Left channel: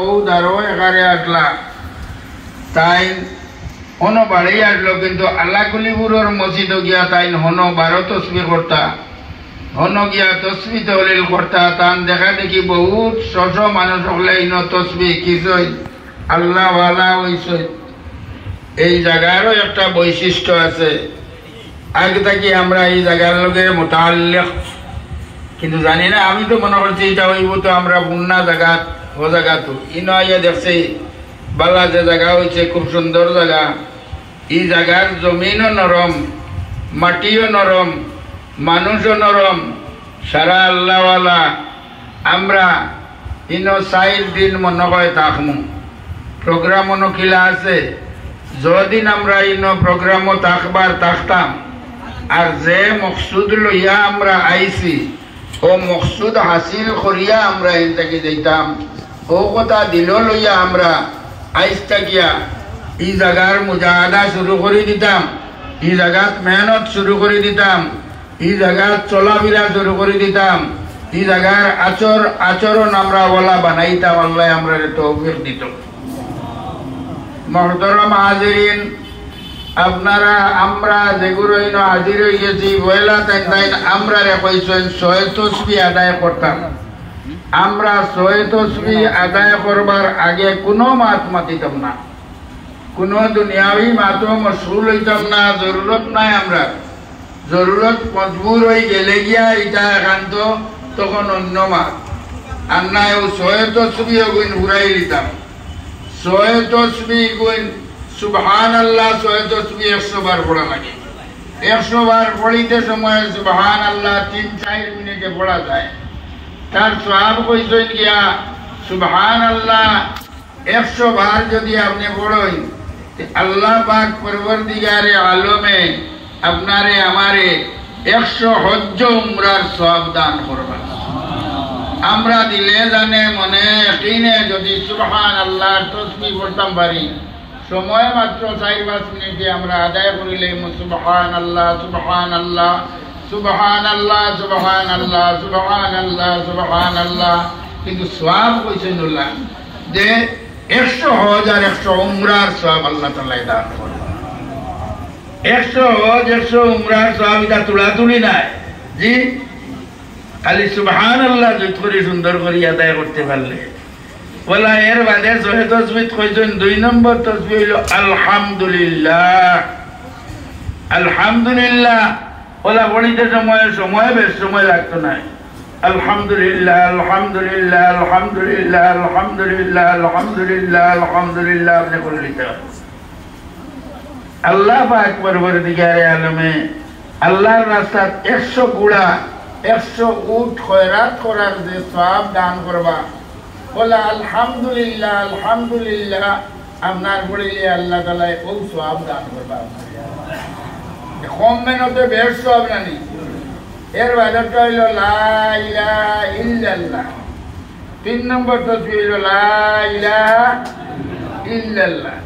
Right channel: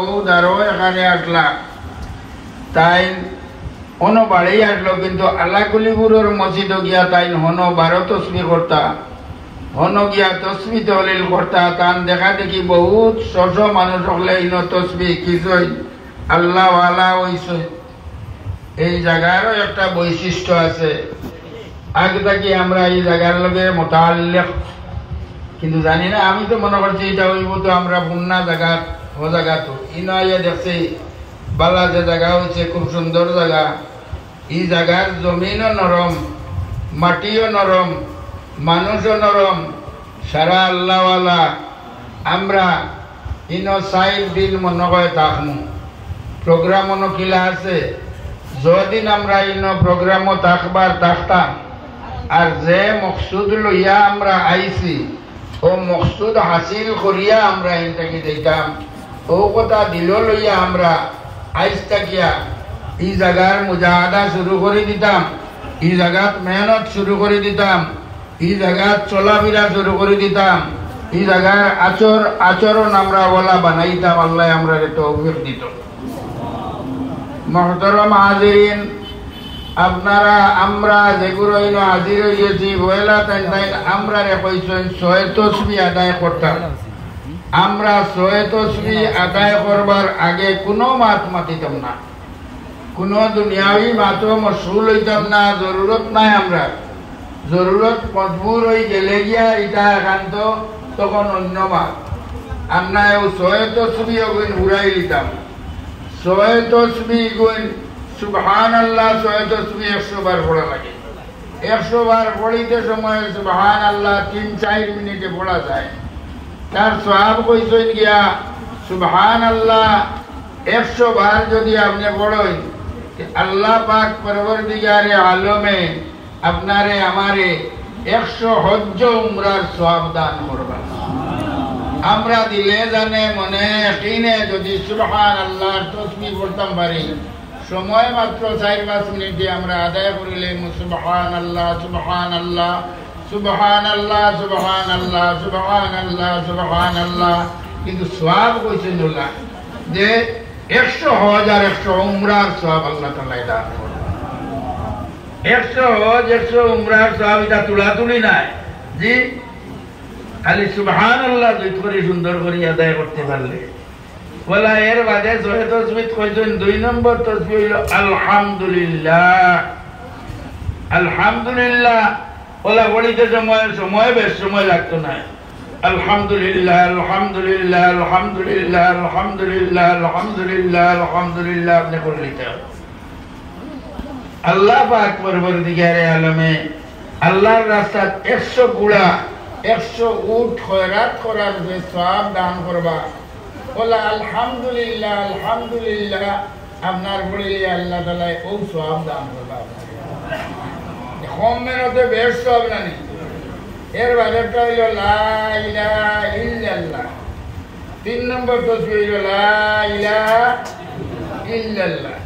ও দারো এখানে আসলা তাই হনো বাড়ি আসলো কিন্তু আল্লাহকুলিপুরের মসজিদ গিয়া তাই হনো 12 তসবিহ করতা হনো গিয়া তসবিহ তহলিল করতা তান দেখা দেখি বহুত শশ মানুষ হলে ইন তসবিহ কিছুই আল্লাহ ওয়ালা হইছে। এই জায়গারও একটা বৈশিষ্ট্য আছে, আগে থাকি আমরা এই জায়গার লগে মোতাল্লিক কিন্তু জানি না। আমি তো মনে করছি এটা হইব তো আমরা বুন্না জায়গা ও জায়গা তো ইনো আইয়া দেখছি বালা যে জায়গা হয়েছে খুব সুন্দর জায়গা। এই জায়গার জমিনও নরম, মাটিও নরম, মানুষও নরম, সারা আল্লাহওয়ালা। আমরা ইনো 4 দিন মনে হয় থাকমু। প্রোগ্রাম কিলা আছে, যদিন আমরা ইনো প্রোগ্রামও থাকতাম আর যে মকসুদ লইয়া আমরা আইছি ও মকসুদ হাসিল করিয়া আমরা এনটাকে যাইতাম, ও কথা দিল লইয়া আমরা আইস থাকিয়া এই জায়গার মুজাহাদা শুরু করে দিতাম, এই জায়গাত মেহনত শুরু করে দিতাম, এই জায়গাত চলাফেরা শুরু করে দিতাম, এই জায়গার আচরণ আমরা বলা বানাইতাম। আল্লাহ আমরা তৌফিক দিত। মুহতারাম হাজিরিন, আপনারা আমরা যেগুলো হাজির হইয়াছি বয়লা তাই আমরা কইছেন 6 তসবিহ আদায় করতাম। আমরা 6 তসবিহ আদায় করবার আগে কোনো মাত মাতিতাম না, কোনো দুনিয়াবি মাতও মশগুল হইতাম না। জরুরত নাই, আমরা জরুরত মজবুর হয়ে গেলে গিয়া এটা একান্ত তখন অন্য মাত আমরা 6 তসবিহ গুণ ঘুরাই দিতাম। 6 তসবিহ গুণ সুবহানাল্লাহ 6 তসবিহ 100 বার পড়া লাগে। 100 বার পড়িতে সময় সুবহানাল্লাহ 3-4 মিনিটে পড়া যায়। তার সওয়াব কইছেন গিয়া সুবহানাল্লাহ 100 বার যদি আপনি পড়েন আল্লাহ পাক পরবর্তীকারে আলমে আপনারে আমারে 100 হজ্জ উমরার সওয়াব দান করবেন। আমরা দিলে জানে মনে কিনে যদি সুবহানাল্লাহ তসবিহ পড়তাম পারি, সময় মাত্র 4-5 মিনিটে আমরা আদায় করিলে সুবহানাল্লাহ সুবহানাল্লাহ সুবহানাল্লাহ সুবহানাল্লাহ সুবহানাল্লাহ সুবহানাল্লাহ। কিন্তু সওয়াব কইছেন আল্লাহ যে 100 হজ আর 100 উমরার সওয়াব আল্লাহ তাআলা দান করবেন। 100 হজ 100 উমরার সওয়াব এটা তুলাতুলি নাই জি, খালি সুবহানাল্লাহ দুই করে সুন্দর করে আদায় করতে পারলে বলা। এর বাদে 6 তসবিহ কইছেন। 2 নম্বর তসবিহ হলো আলহামদুলিল্লাহ। আলহামদুলিল্লাহ বলা পড়িতে সময় বেশ সময় লাগতো না। আলহামদুলিল্লাহ আলহামদুলিল্লাহ আলহামদুলিল্লাহ আলহামদুলিল্লাহ আলহামদুলিল্লাহ আলহামদুলিল্লাহ আপনি করে নিতে হবে। আল্লাহ পাক পরবর্তীকারে আলমে আল্লাহর রাস্তাত 100 গুড়া 100 উট খয়রাত করার যে সওয়াব দান করবা বলা আলহামদুলিল্লাহ আলহামদুলিল্লাহ আপনার পড়িলে আল্লাহ তাআলা ও সওয়াব দান করবা। কম মেহনতে বেশ সওয়াব নানি। এর বাদেটা হইল লা ইলাহা ইল্লাল্লাহ। 3 নম্বর তসবিহ হইল লা ইলাহা ইল্লাল্লাহ।